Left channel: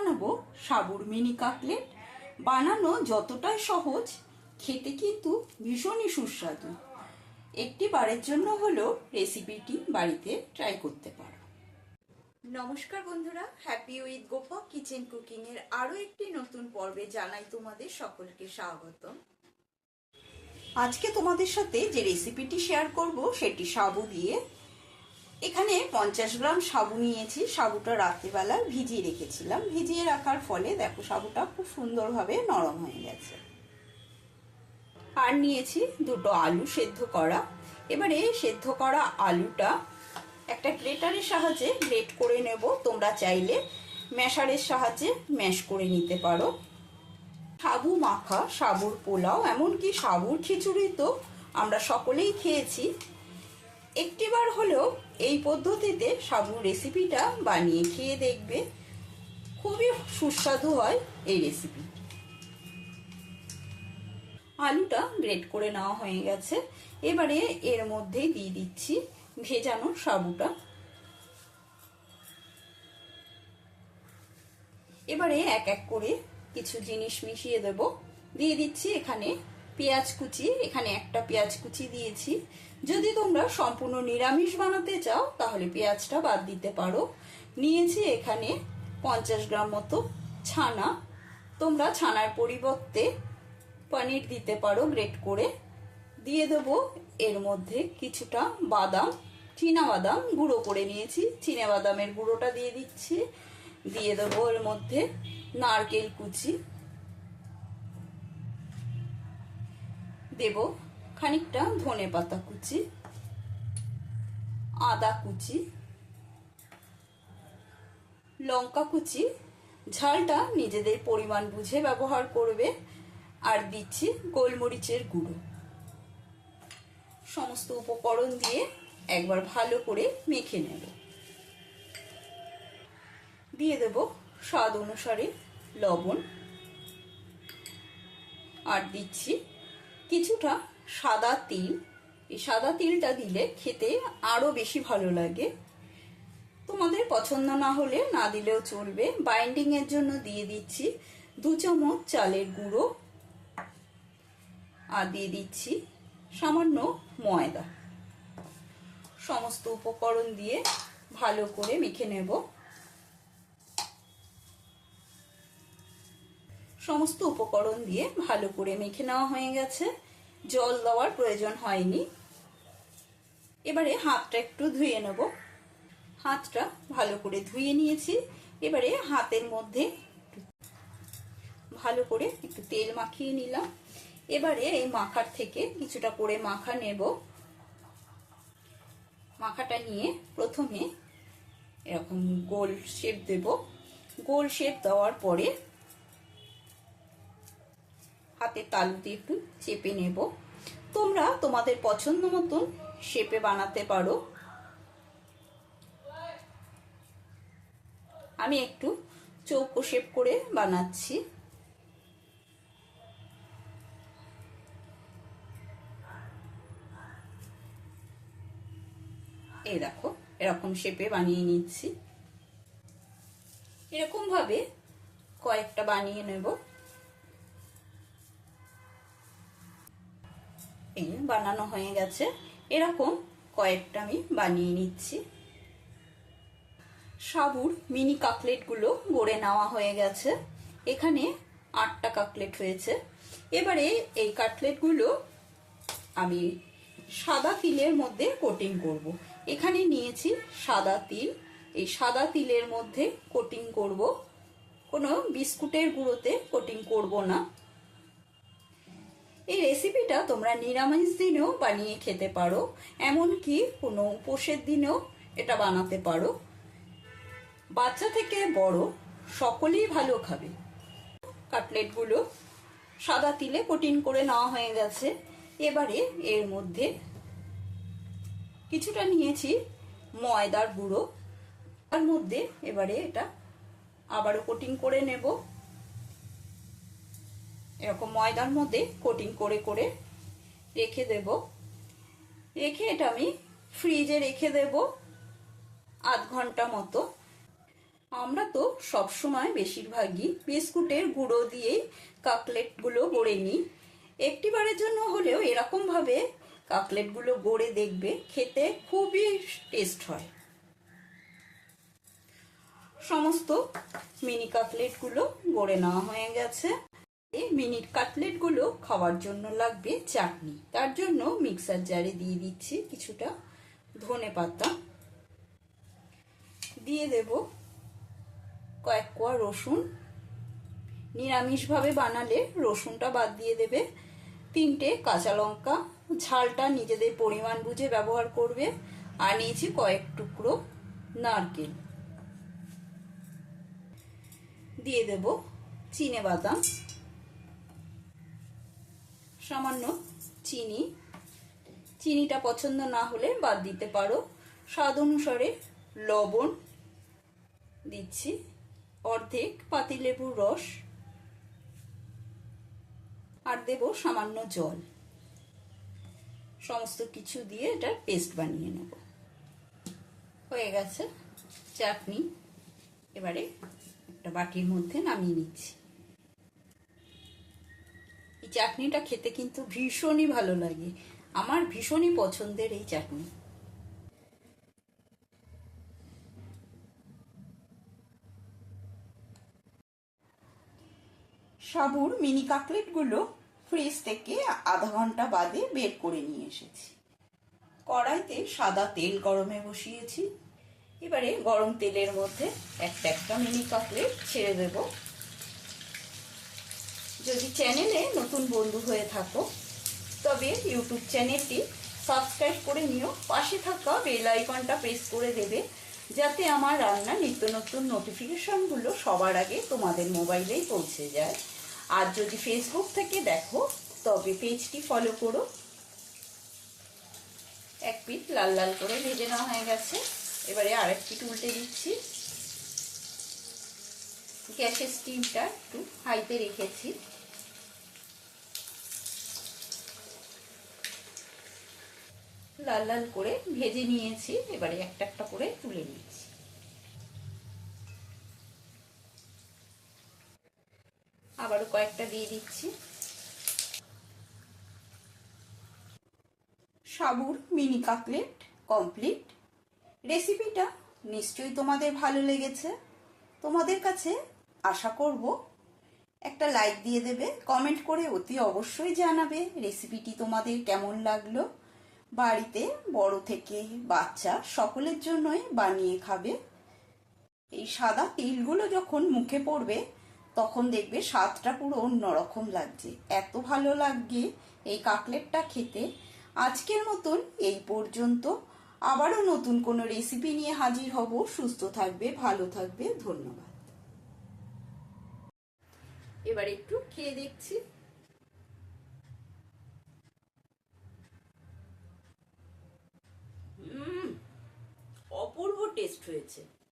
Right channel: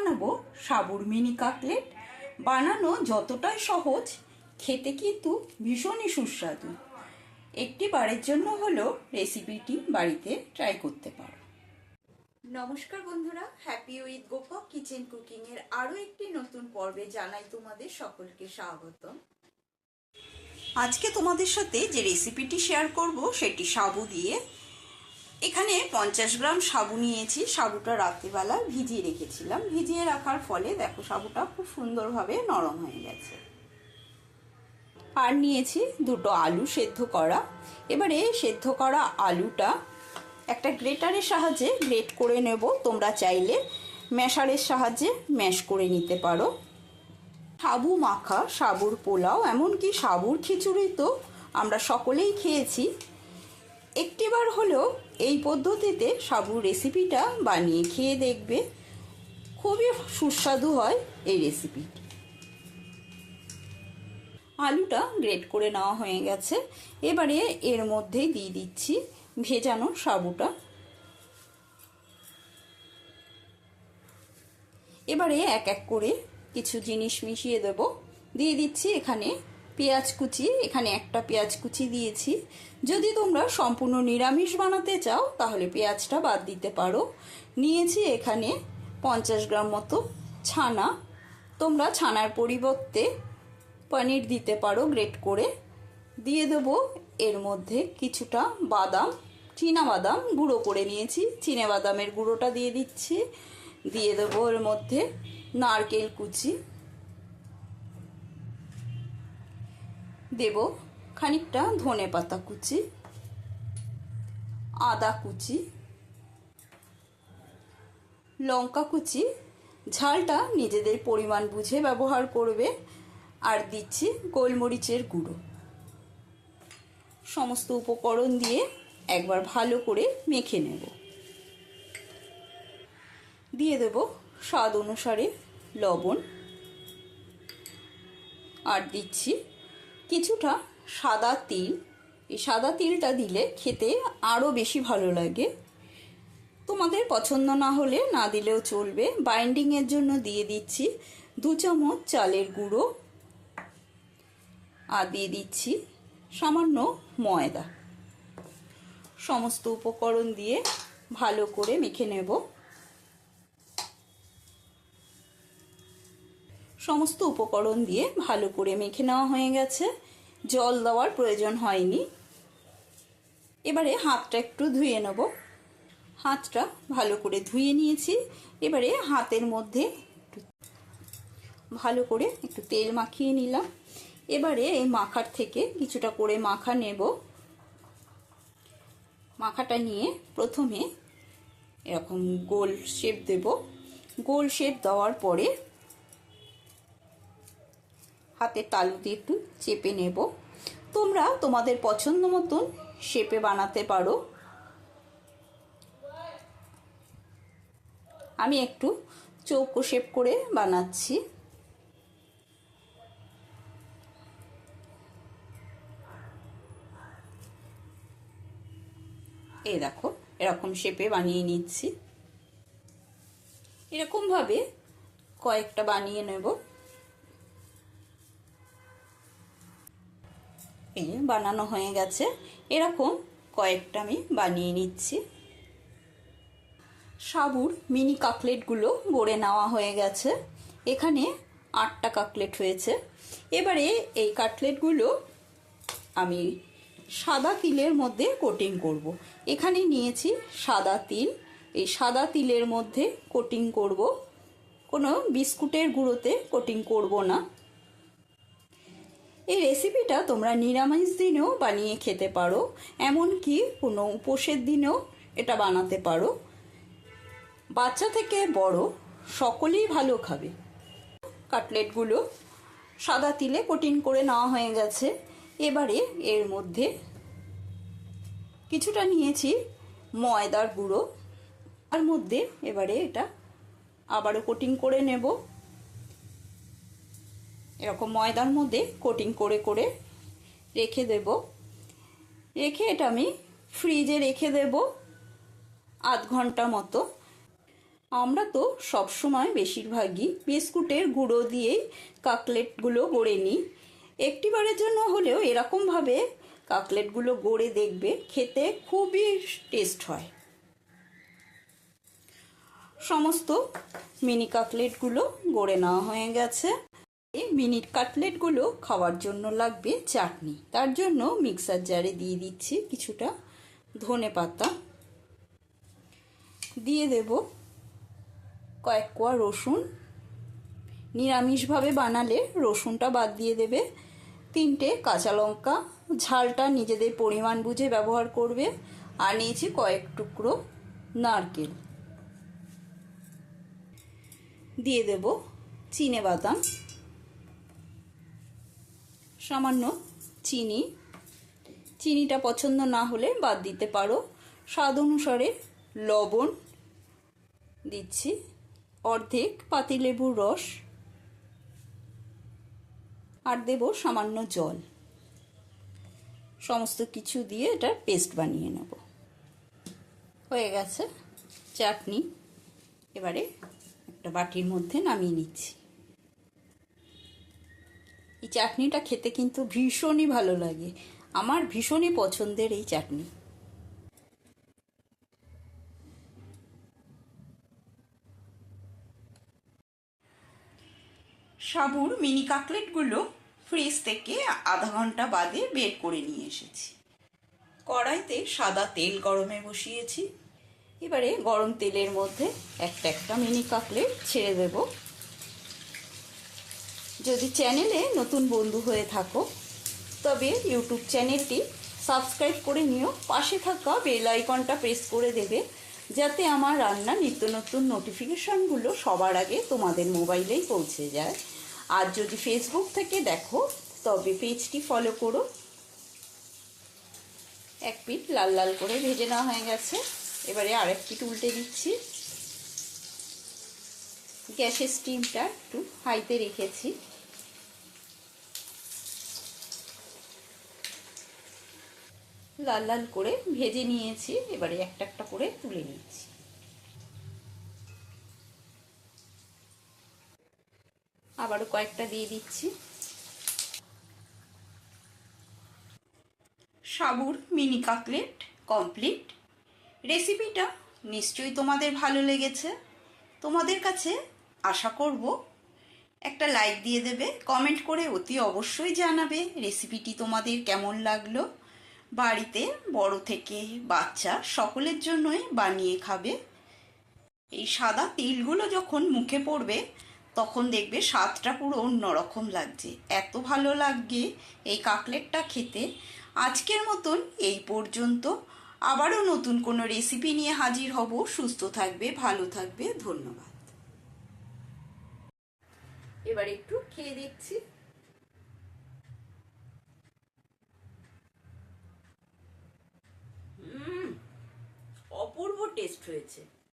বানাবো সাবুর mini cutlet. বানানো যতটাই সহজ, খেতে কিন্তু ভীষণই সুস্বাদু। একটি বারের জন্য হলেও রেসিপিটি বাড়িতে ট্রাই করতে পারো। নমস্কার বন্ধুরা, happy with Gopa kitchen cooking এর আরো একটি নতুন পর্বে জানাই তোমাদের সকলকে স্বাগত। আজকে তোমাদের সাথে যে রেসিপিটি শেয়ার করব সেটি সাবু দিয়ে। এখানে 50 গ্রাম সাবু নিয়েছি। সাবুটা রাত্রিবেলা ভিজিয়ে রেখেছিলাম। ভিজিয়ে রাখার ফলে দেখো সাবুটা খুব সুন্দরভাবে নরম হয়ে গেছে। আর নিয়েছি দুটো আলু সেদ্ধ করা। এবারে সেদ্ধ করা আলুটা একটা গ্রেটারের সাহায্যে গ্রেট করে নেব। তোমরা চাইলে ম্যাশারের সাহায্যে ম্যাশ করে নিতে পারো। সাবু মাখা, সাবুর পোলাও, এমনকি সাবুর খিচুড়ি তো আমরা সকলেই খেয়েছি। একটিবার হলেও এই পদ্ধতিতে সাবুর রেসিপিটা বানিয়ে খেয়ে দেখবে, খুবই সুস্বাদু হয় এই রেসিপি। আলুটা গ্রেট করে নেওয়া হয়ে গেছে। এবারে এর মধ্যে দিয়ে দিচ্ছি ভেজানো সাবুটা। এবারে এক এক করে কিছু জিনিস মিশিয়ে দেব। দিয়ে দিচ্ছি এখানে পেঁয়াজ কুচি। এখানে একটা পেঁয়াজ কুচি দিয়েছি। যদি তোমরা সম্পূর্ণ নিরামিষ বানাতে চাও তাহলে পেঁয়াজটা বাদ দিতে পারো। নিয়েছি এখানে 50 গ্রাম মতো ছানা। তোমরা ছানার পরিবর্তে পনির দিতে পারো গ্রেট করে। দিয়ে দেব এর মধ্যে কিছুটা বাদাম, চীনা বাদাম গুঁড়ো করে নিয়েছি। চীনা বাদামের গুঁড়োটা দিয়ে দিচ্ছি। দিয়ে দেবো এর মধ্যে নারকেল কুচি। দেব খানিকটা ধনে পাতা কুচি, আদা কুচি, লঙ্কা কুচি। ঝালটা নিজেদের পরিমাণ বুঝে ব্যবহার করবে। আর দিচ্ছি গোলমরিচের গুঁড়ো। সমস্ত উপকরণ দিয়ে একবার ভালো করে মেখে নেব। দিয়ে দেব স্বাদ অনুসারে লবণ। আর দিচ্ছি কিছুটা সাদা তিল। এই সাদা তিলটা দিলে খেতে আরো বেশি ভালো লাগে। তোমাদের পছন্দ না হলে না দিলেও চলবে। বাইন্ডিং এর জন্য দিয়ে দিচ্ছি 2 চামচ চালের গুঁড়ো। আর দিয়ে দিচ্ছি সামান্য ময়দা। সমস্ত উপকরণ দিয়ে ভালো করে মেখে নেব। সমস্ত উপকরণ দিয়ে ভালো করে মেখে নেওয়া হয়ে গেছে। জল দেওয়ার প্রয়োজন হয়নি। এবারে হাতটা একটু ধুয়ে নেব। হাতটা ভালো করে ধুয়ে নিয়েছি। এবারে হাতের মধ্যে ভালো করে একটু তেল মাখিয়ে নিলাম। এবারে এই মাখার থেকে কিছুটা করে মাখা নেব। মাখাটা নিয়ে প্রথমে এরকম গোল শেপ দেব। গোল শেপ দেওয়ার পরে হাতের তালুতে একটু চেপে নেব। তোমরা তোমাদের পছন্দ মতন শেপে বানাতে পারো। আমি একটু চৌকো শেপ করে বানাচ্ছি। এই দেখো এরকম শেপে বানিয়ে নিচ্ছি। এরকম ভাবে কয়েকটা বানিয়ে নেব। এই বানানো হয়ে গেছে। এরকম কয়েকটা আমি বানিয়ে নিচ্ছি। সাবুর মিনি কাটলেটগুলো গড়ে নেওয়া হয়ে গেছে। এখানে 8টা কাটলেট হয়েছে। এবারে এই কাটলেটগুলো আমি সাদা তিলের মধ্যে কোটিং করব। এখানে নিয়েছি সাদা তিল। এই সাদা তিলের মধ্যে কোটিং করব। কোনো বিস্কুটের গুঁড়োতে কোটিং করব না। এই রেসিপিটা তোমরা নিরামিষ দিনেও বানিয়ে খেতে পারো, এমনকি কোনো উপোসের দিনেও এটা বানাতে পারো। বাচ্চা থেকে বড় সকলেই ভালো খাবে। কাটলেটগুলো সাদা তিলে কোটিং করে নেওয়া হয়ে গেছে। এবারে এর মধ্যে কিছুটা নিয়েছি ময়দার গুঁড়ো। তার মধ্যে এবারে এটা আবারও কোটিং করে নেব। এরকম ময়দার মধ্যে কোটিং করে করে রেখে দেব। রেখে এটা আমি ফ্রিজে রেখে দেব আধ ঘন্টা মতো। আমরা তো সবসময় বেশিরভাগই বিস্কুটের গুঁড়ো দিয়েই কাকলেটগুলো গড়ে নিই। একটিবারের জন্য হলেও এরকমভাবে কাকলেটগুলো গড়ে দেখবে, খেতে খুবই টেস্ট হয়। সমস্ত মিনি কাটলেটগুলো গড়ে নেওয়া হয়ে গেছে। এই মিনি কাটলেটগুলো খাওয়ার জন্য লাগবে চাটনি। তার জন্য মিক্সার জারে দিয়ে দিচ্ছি কিছুটা ধনেপাতা, দিয়ে দেব কয়েক কোয়া রসুন। নিরামিষভাবে বানালে রসুনটা বাদ দিয়ে দেবে। 3টে কাঁচা লঙ্কা, ঝালটা নিজেদের পরিমাণ বুঝে ব্যবহার করবে। আর নিয়েছি কয়েক টুকরো নারকেল। দিয়ে দেব চিনেবাদাম, সামান্য চিনি। চিনিটা পছন্দ না হলে বাদ দিতে পারো। স্বাদ অনুসারে লবণ দিচ্ছি, অর্ধেক পাতিলেবুর রস, আর দেব সামান্য জল। সমস্ত কিছু দিয়ে এটা পেস্ট বানিয়ে নেব। হয়ে গেছে চাটনি। এবারে একটা বাটির মধ্যে নামিয়ে নিচ্ছি। এই চাটনিটা খেতে কিন্তু ভীষণই ভালো লাগে, আমার ভীষণই পছন্দের এই চাটনি। সাবুর মিনি কাটলেটগুলো ফ্রিজ থেকে আধা ঘন্টা বাদে বের করে নিয়ে এসেছি। কড়াইতে সাদা তেল গরমে বসিয়েছি। এবারে গরম তেলের মধ্যে একটা একটা মিনি কাটলেট ছেড়ে দেব। যদি চ্যানেলে নতুন বন্ধু হয়ে থাকো তবে ইউটিউব চ্যানেলটি সাবস্ক্রাইব করে নিও। পাশে থাকা বেল আইকনটা প্রেস করে দেবে, যাতে আমার রান্না নিত্য নতুন নোটিফিকেশনগুলো সবার আগে তোমাদের মোবাইলেই পৌঁছে যায়। আর যদি ফেসবুক থেকে দেখো তবে পেজটি ফলো করো। এক পিঠ লাল লাল করে ভেজে নেওয়া হয়ে গেছে। এবারে আরেক পিঠ উল্টে দিচ্ছি। গ্যাসের স্টিমটা একটু হাইতে রেখেছি। লাল লাল করে ভেজে নিয়েছি। এবারে একটা একটা করে তুলে নিচ্ছি। আবারও কয়েকটা দিয়ে দিচ্ছি। সাবুর মিনি কাটলেট কমপ্লিট। রেসিপিটা নিশ্চয়ই তোমাদের ভালো লেগেছে। তোমাদের কাছে আশা করব একটা লাইক দিয়ে দেবে, কমেন্ট করে অতি অবশ্যই জানাবে রেসিপিটি তোমাদের কেমন লাগলো। বাড়িতে বড় থেকে বাচ্চা সকলের জন্যই বানিয়ে খাবে। এই সাদা তিলগুলো যখন মুখে পড়বে তখন দেখবে স্বাদটা পুরো অন্যরকম লাগছে, এত ভালো লাগবে এই কাটলেটটা খেতে। আজকের মতন এই পর্যন্ত। আবারও নতুন কোনো রেসিপি নিয়ে হাজির হব। সুস্থ থাকবে, ভালো থাকবে, ধন্যবাদ। এবার একটু খেয়ে দেখছি। অপূর্ব টেস্ট হয়েছে।